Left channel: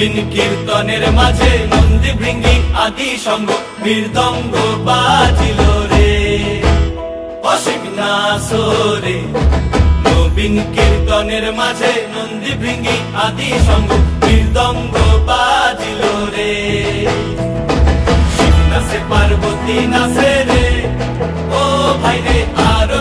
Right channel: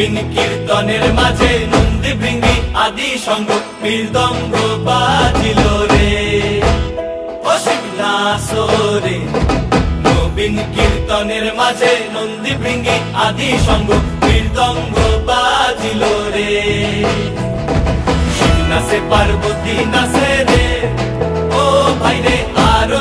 নবীন কীর্তনের মাঝে নন্দী ভৃঙ্গি আদি সঙ্গ মৃদঙ্গ বাজিল রে অসিক নাসরে। নবীন কীর্তনের মাঝে নন্দী ভৃঙ্গি আদি সঙ্গ মৃদঙ্গ বাজিল রে। শিব নাচে পার্বতী নাচে রে ও ভাই রে আরো